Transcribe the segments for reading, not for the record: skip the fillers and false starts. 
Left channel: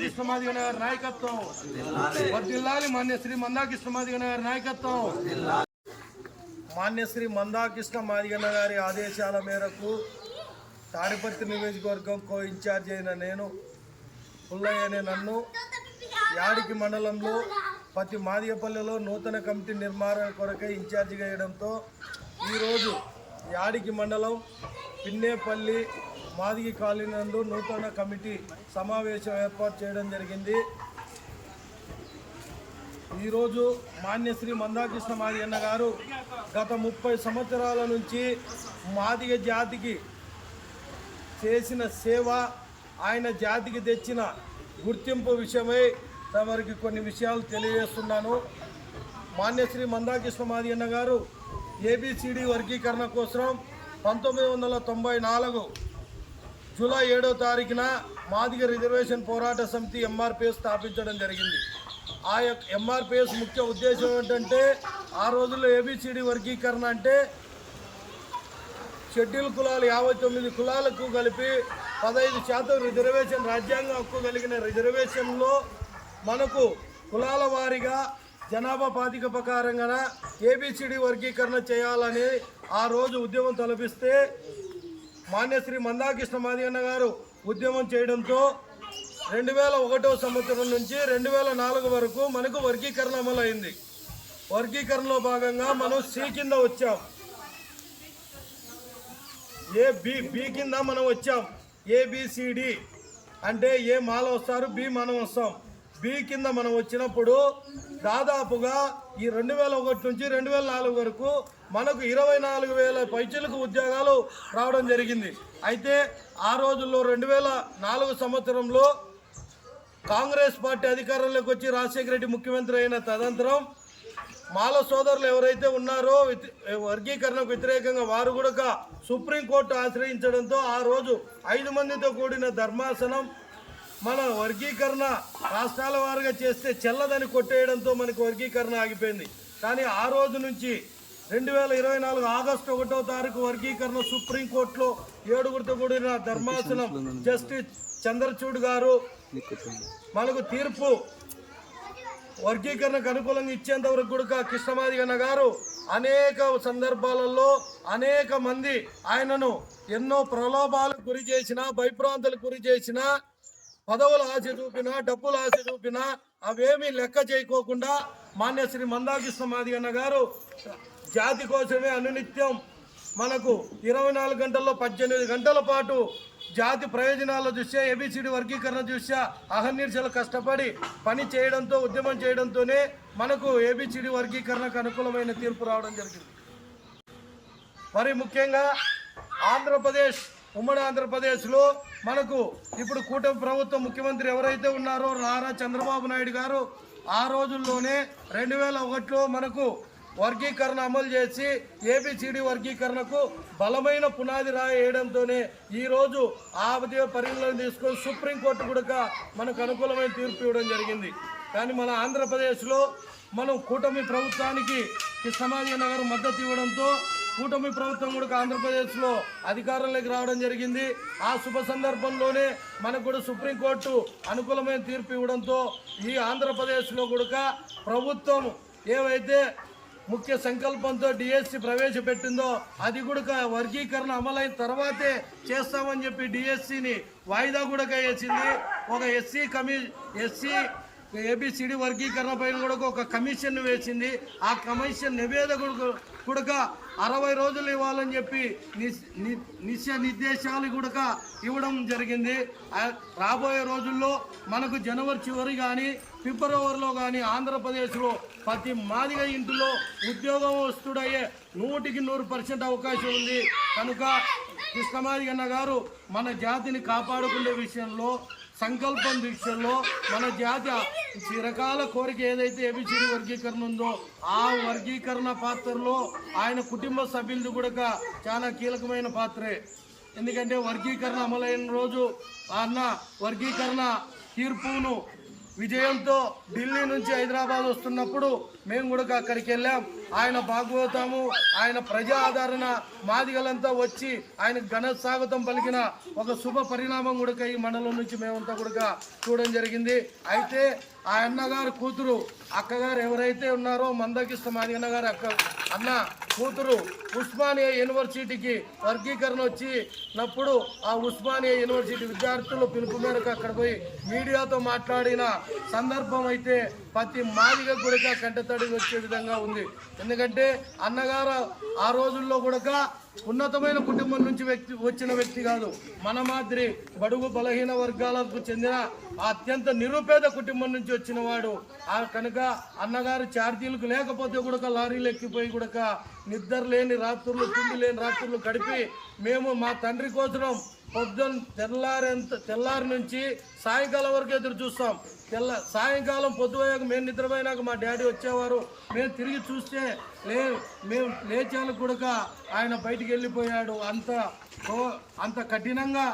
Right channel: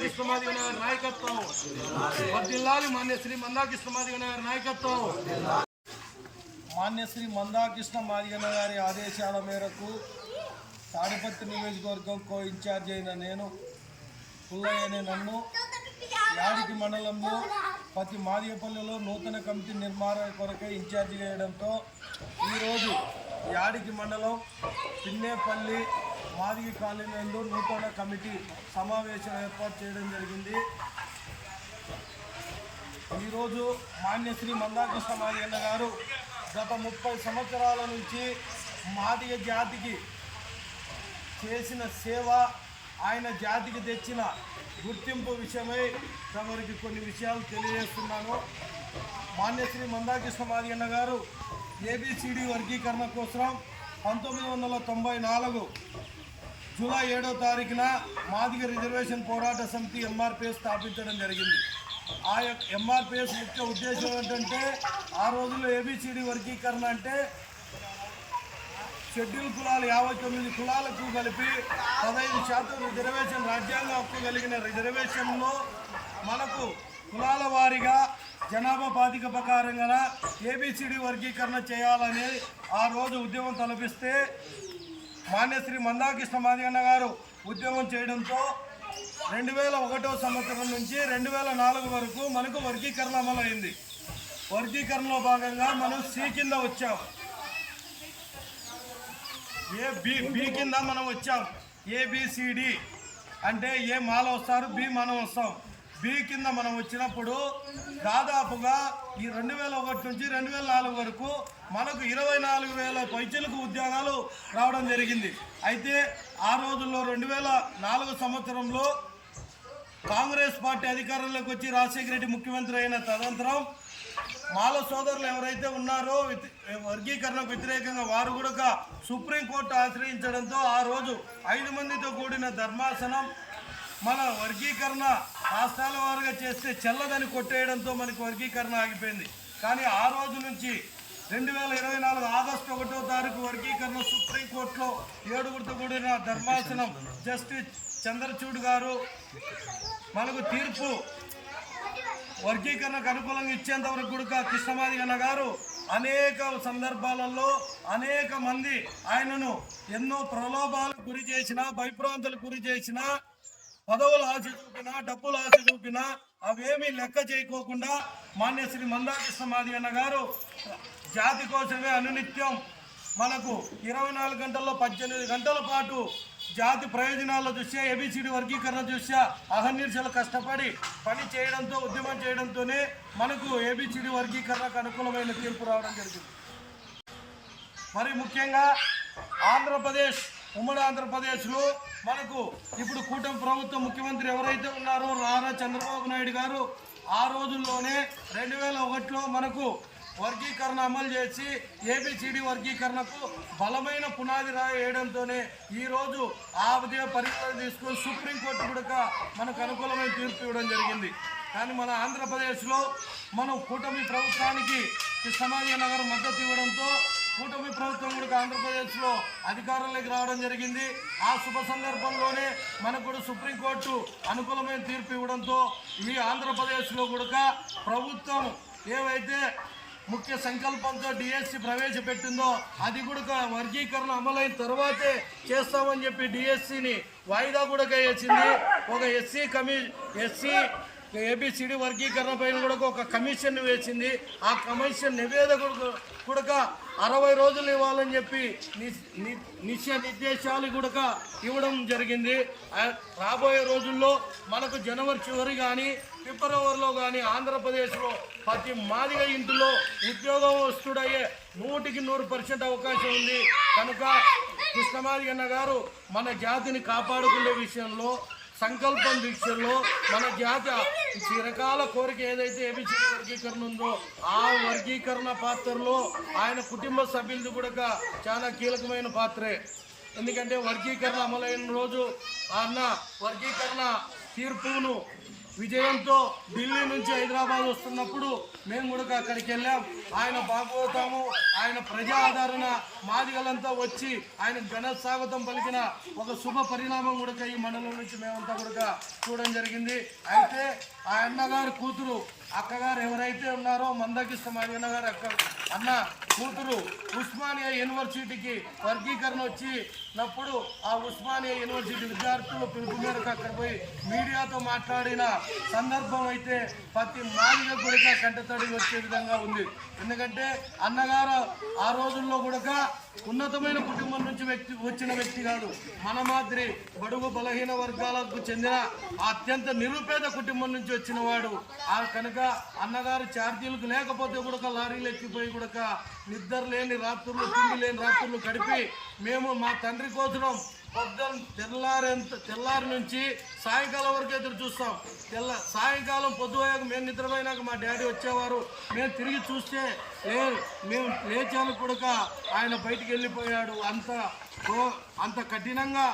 మందాకృష్ణ మాదిగ గారి నాయకత్వం, వర్ధిల్లాలి మాన్య శ్రీ మందాకృష్ణ మాదిగ గారి నాయకత్వం. మాన్య శ్రీ మందాకృష్ణ మాదిగ గారి ఆదేశాల మేరకు తాడిపత్రి నియోజకవర్గం కో ఇన్ఛార్జ్ అయిన నేను పుల్లయ్య అనే నన్ను యాడికి మండలంలో ప్రతి మాదిగపల్లిలో నూతన కమిటీ నిర్మాణం కొరకై ఇన్ఛార్జిగా వేయడంతో ఈరోజు యాడికి మండలం పిన్నేపల్లి మాదిగి కాలనీ నందు నూతన కమిటీ సమావేశం ఏర్పాటు చేయడం జరిగింది. ఈరోజు మాన్యశ్రీ మందాకృష్ణ మాదిగ గారు గత 30 సంవత్సరాల నుంచి మాదిగ జాతికి చేసిన సేవ, ఆయన జాతికి తెచ్చిన గుర్తింపు విషయమై తమరికి కొన్ని విషయాలు తెలియజేస్తున్నాను. మాన్యశ్రీ మందాకృష్ణ మాదిగ గారు ఏబిసిడి వర్గీకరణ కోసం 1994 జూలై 7వ తారీఖున మాదిగ రిజర్వేషన్ పోరాట సమితి ఎంఆర్పిఎస్ స్థాపించడం జరిగింది. ఆ ఎంఆర్పిఎస్ ముఖ్య ఉద్దేశం ఏంటంటే, ఆ రోజుల్లో ఏబిసిడి వర్గీకరణ అంటే షెడ్యూల్ కులాలు 59 కులాలకు కలిపి 15% రిజర్వేషన్, రాజ్యాంగ హక్కు కలిగిన రిజర్వేషన్లో మనకు కులాల వారీగా జనాభా ప్రాతిపదిక ప్రకారంగా ఏబిసిడి వర్గీకరణ చేయాలని ఆ రోజు ఉద్యమం తలపిస్తే మాన్యశ్రీ మందాకృష్ణ మాదిగ గారు ఉద్యమం చేయడంతో 2001వ సంవత్సరం నుంచి 2004 వరకు మనకు వర్గీకరణ అమలైంది. వర్గీకరణలో భాగంగా మనం సి కింద వచ్చాం, బి కింద మనం వచ్చాం. ఏబిసిడి అంటే ఏ మాల వస్తారు, బి మనం వస్తాం. బి కింద మనం వచ్చినప్పుడు దాదాపుగా ఈ 2001 నుంచి 2004 వరకు మనకు 24,000 పైచిలకు ఉద్యోగాలు రావడం జరిగింది. అయితే ఆ రోజుల్లో 2004 సంవత్సరంలో కాంగ్రెస్ పార్టీ అధికారంలోకి వచ్చి రాజశేఖర రెడ్డి ముఖ్యమంత్రి అయిన తదనంతరం మాల సోదరులు ఎవరైతే ఉన్నారో వర్గీకరణకు వ్యతిరేకంగా వారు కూడా సుప్రీంకోర్టు ఆశ్రయించడంతో ఆ రోజు 5 మందితో కూడిన ధర్మాసనం మన వర్గీకరణ రాష్ట్రాల వారుగా చేస్తే చెల్లదని కొట్టేయడంతో మనకు వర్గీకరణ ఆగిపోయింది. కానీ ఆ రోజు నుంచి 2024 ఆగస్టు 1వ తారీఖు వర్గీకరణ సుప్రీంకోర్టులో 7గురితో కూడిన ధర్మాసనం జస్టిస్ చంద్రచూడ్ గారు మనకు తీర్పు వర్గీకరణకు అనుకూలంగా ఇచ్చేంత వరకు కూడా కృష్ణ మాదిగ గారు అనేక సందర్భాలలో అనేక మంది ఆయనను ఎన్నో ప్రలోభాలకు గురి చేసిన, భయభ్రాంతులకు గురి చేసిన, పదవులు ఆశ చూపినా, డబ్బులు ఆశ చూపినా అవేమీ లెక్క చేయకోకుండా మాన్యశ్రీ మందాకృష్ణ మాదిగ గారు జాతి కోసమే అనునిత్యం మనకు 24 గంటల్లో 18 గంటల పాటు జాతి ప్రయోజనాల దృష్ట్యా ఏబిసిడి వర్గీకరణ దృష్ట్యా అహర్నిశలు కష్టపడి పని చేయడంతో, ఉద్యమం చేయడంతోనే మనకు ఏబిసిడి వర్గీకరణకు అనుకూలమైన తీర్పు రావడం జరిగింది. మరి ముఖ్యంగా ఆంధ్రప్రదేశ్, ఉమ్మడి ఆంధ్రప్రదేశ్లో మనకు ఇప్పుడు కూటమి ప్రభుత్వం ముఖ్యమంత్రి ఎవరైతే ఉన్నారో నారా చంద్రబాబు నాయుడు గారు ఆ రోజుల్లోనే 2001లో మనకు వర్గీకరణ అమలు చేసి ఏబిసిడి వర్గీకరణకు బలమైన పునాది వేయడంతోనే ఈరోజు ఆ పరిగణన తీసుకొని సుప్రీంకోర్టు కూడా మనకు అనుకూలమైన తీర్పు ఇవ్వడం జరిగింది. కానీ మన ఆంధ్రప్రదేశ్లో మనం కూటమి ప్రభుత్వానికి కృష్ణ మాదిగ గారు మద్దతు ఇవ్వడంతో కూటమి ప్రభుత్వం కూడా ఆంధ్రప్రదేశ్లో అధికారంలోకి రావడం జరిగింది. ఆ శుభ సందర్భంలోనే మనకు కూడా సుప్రీంకోర్టు అనుకూలమైన తీర్పు ఇవ్వడంతో ఈ ఆంధ్రప్రదేశ్లో కూడా ప్రభుత్వం ఏవైతే ముఖ్య సంకల్పంతో డిఎస్సి ప్రవేశపెట్టిందో అది కూడా వర్గీకరణ అమలైన తర్వాతే చేస్తామని చెప్పి డిఎస్సిని వాయిదా కూడా వేసింది. ఒక ఎస్సీ ఏబిసిడి వర్గీకరణ పైన కూడా ఒక కమిషన్ వేసింది. ఆ కమిషన్ నివేదిక కూడా 60 రోజులు ఇవ్వాలని చెప్పి నిర్దేశాలు కూడా ఇవ్వడం జరిగింది. రాబోయే రోజుల్లో మనకు జనవరి చివరి కానీ ఫిబ్రవరిలో కానీ ఆంధ్రప్రదేశ్లో ప్రతి మాదిగ ఇంటిలో ఉద్యోగం వస్తుడయ్యే 100% అవకాశం ఉంది. కనుక కృష్ణ మాదిగ గారు మన జాతిని కాపాడుకునే విషయంలో, సంకల్పం దీక్షల్లో మన జాతి చిరకాల కోరిక ఏదైతే ఏబిసిడి వర్గీకరణ ఉందో ఆ వర్గీకరణ పాత్రలో ఆయన కుటుంబ సభ్యులది కూడా చాలా కీలకమైన పాత్రే. ఎందుకంటే వర్గీకరణ అమలైన రోజు అన్న వర్గీకరణ తీర్పును విజయంతో ఢిల్లీ నుంచి హైదరాబాద్ వస్తున్నప్పుడు మేము కూడా అక్కడికి వెళ్ళాం. ఆయన భాగవతము, ఆయన ప్రజా ఆదరణ మాదిగలంతా వచ్చి ఆయన ఘన స్వాగతం పలికిన ఒక శుభ పరిణామం కూడా ఈ మండలం నుంచి మేమంతా కూడా చూడడం జరిగింది. అయితే ఆ అన్నగారు కూతురు అక్కగారు ఎవరైతే ఉన్నారో మందాకృష్ణ మాదిగన్న గారు అన్న కూతురు ఉస్మానియా యూనివర్సిటీకి వర్గీకరణ వచ్చినప్పుడు ఆ ఉస్మానియా యూనివర్సిటీ విద్యార్థులు పిలుపు మేరకు అక్కడ పోయి మీడియాతో మాట్లాడిన సందర్భం అయితే ప్రతి మాదిగ కూడా కంటతడి వచ్చే విధంగా ఉంది. ఎందుకంటే అన్నగారు ఆ రోజుల్లో కూడా ఉన్నతమైన కుటుంబం నుంచి వచ్చిన వ్యక్తి కాదు. మన మాదిరి బడుగు బలహీన వర్గాలకు చెందిన అత్యంత నిరుపేద కుటుంబం నుంచి వచ్చిన వాడు. కనుక అన్నగారు ఛార్జీలకు లేకపోతే కూడా లారీలు ఎక్కిపోయి కూడా నిద్ర లేని రాత్రులు, తిండి లేని రాత్రులు గడిపి మేము మా తండ్రి కోసం తెల్లారి నుంచి సాయంకాలం వరకు ఎదురు చూస్తాం. సాయంకాలం పొద్దుపోయాక మేము నిద్రపోయినాక మా డాడీ వచ్చేవారు. మేము తిరిగి చూస్తే మేము లేచాలు కూడా ఆయన బయటికి వెళ్ళిపోయాడు. అంత కఠినంగా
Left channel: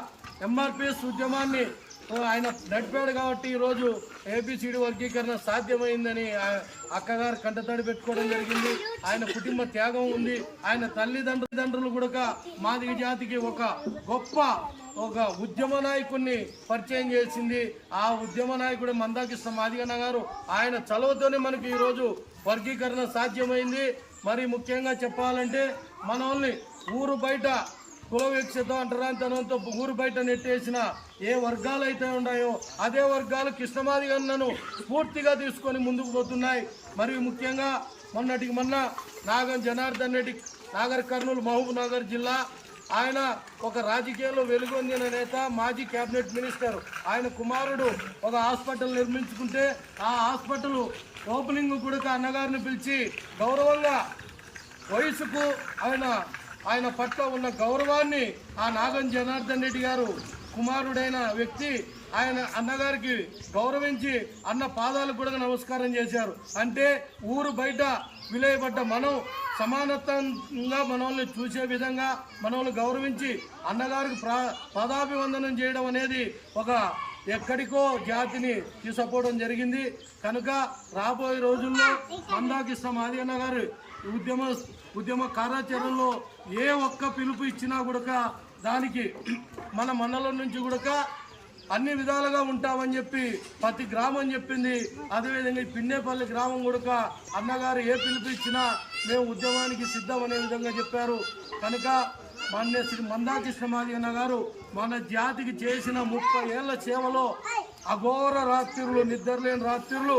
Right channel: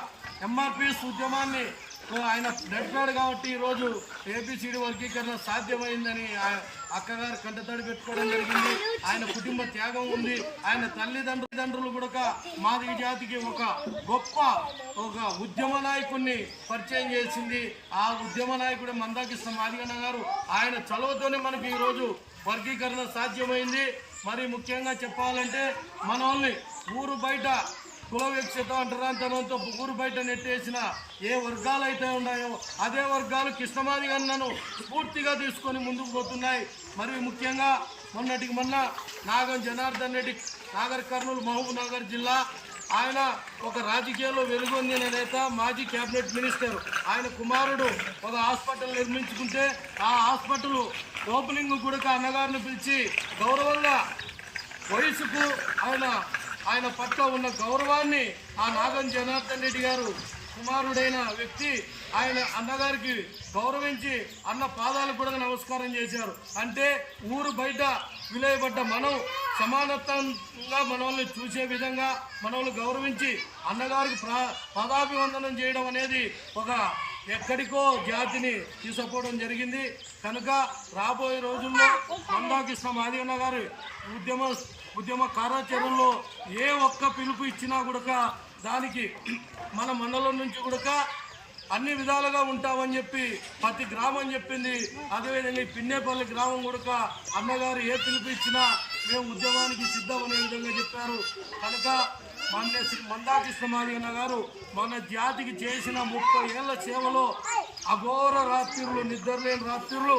ఎంఆర్పిఎస్ ఉద్యమాన్ని ఆయన నడిపాడు కాబట్టి ఈరోజు ఏబిసిడి వర్గీకరణ సాధ్యమైందని అక్కగారు కంటతడి పెట్టుకోవడం జరిగింది. ఆయన కుటుంబ త్యాగం ఉంది. ఆయన తల్లిదండ్రులు కూడా మాదిగ జాతికి ఒక గొప్ప ఉద్యమ నాయకుడిని పరిచయం చేసింది. ఆ ఉద్యమ నాయకుడు మందాకృష్ణ మాదిగన్న గారు. ఆయన చలవతోనే మనకు ఈరోజు వర్గీకరణ సాధ్యమైంది. మరి ముఖ్యంగా చెప్పాలంటే మన వాళ్ళని ఊరు బయట కుల వివక్షత అంటరాంతనంతో ఊరు బయట నెట్టేసిన ఏ వర్గాలు అయితే ఉన్నాయో అదే వర్గాలు కృష్ణమాదిగన్నను స్ఫూర్తిగా తీసుకొని ముందుకు పోతున్నాయి. మరియు ముఖ్యంగా మొన్నటికి మొన్న నాగం జనార్దన్ రెడ్డి నాగర్ కర్నూలు మహబూబ్ నగర్ జిల్లా ఆయన ఒక రాజకీయాల్లో వెలుగొందిన నేత, మాజీ క్యాబినెట్ మినిస్టర్. ఆయన కుమారుడు ఒక హాస్పిటల్ నిర్మించుకుంటే ఆ హాస్పిటల్ ఓపెనింగ్ కూడా అన్నగారిని పిలిచి గౌరవంగా వయసుకు ఆయన పట్ల ఉన్న గౌరవాన్ని ఆ నాగం జనార్దన్ రెడ్డి గారు కుమారుడైన వ్యక్తి ఆయన అన్నగారికి గౌరవించి అన్న పాదాలకు కూడా నమస్కారం చేశారు. అంటే ఊరు బయట విలేయబడ్డ మనం సమానత్వంగా మనల్ని చూసే విధంగా మనల్ని గౌరవించి అన్నగారికి పదాభివందనం చేయడం అనేది ఒక ఎక్కడికో జాతిని తీసుకుపోవడం జరిగింది. కనుక రాబోయే రోజుల్లో మందాకృష్ణ మాదిగన్న గారు ఉద్యమ కార్యాచరణలో ఏ ఒక్క పిలుపు ఇచ్చినా కూడా దానికి మన మండలం నుంచి కూడా అన్ని విధాలుగా ఉంటామని చెప్పి ప్రతి గ్రామం చెప్పింది. అదేవిధంగా పిన్నేపల్లి గ్రామం కూడా అన్నగారు ఏ పిలుపు ఇచ్చినా మేము ఉద్యమానికి సిద్ధమనే విధంగా చెప్పారు. కనుక శ్రీ మందాకృష్ణ మాదిగన్న గారు మన జాతికి చేసిన 30 ఏళ్ల సేవలో అఘోర రాత్రులు, నిద్రలేని రాత్రులు,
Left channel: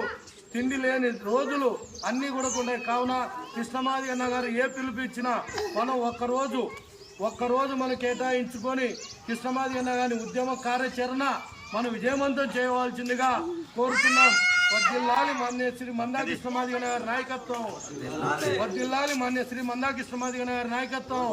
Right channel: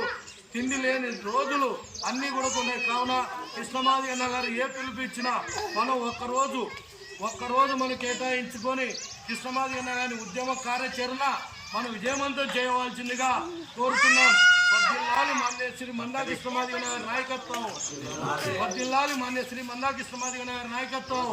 తిండి లేని రోజులు అన్నీ కూడా ఉన్నాయి. కావున కృష్ణమాదిగన్న గారు ఏ పిలుపు ఇచ్చినా మనం ఒక్కరోజు మనం కేటాయించుకొని కృష్ణమాదిగన్న గారి ఉద్యమ కార్యాచరణ మనం విజయవంతం చేయవలసిందిగా కోరుతున్నాం. వర్ధిల్లాలి మాన్య శ్రీ మందాకృష్ణ మాదిగన్న గారి నాయకత్వం. వర్ధిల్లాలి మాన్య శ్రీ మందాకృష్ణ మాదిగన్న గారి నాయకత్వం.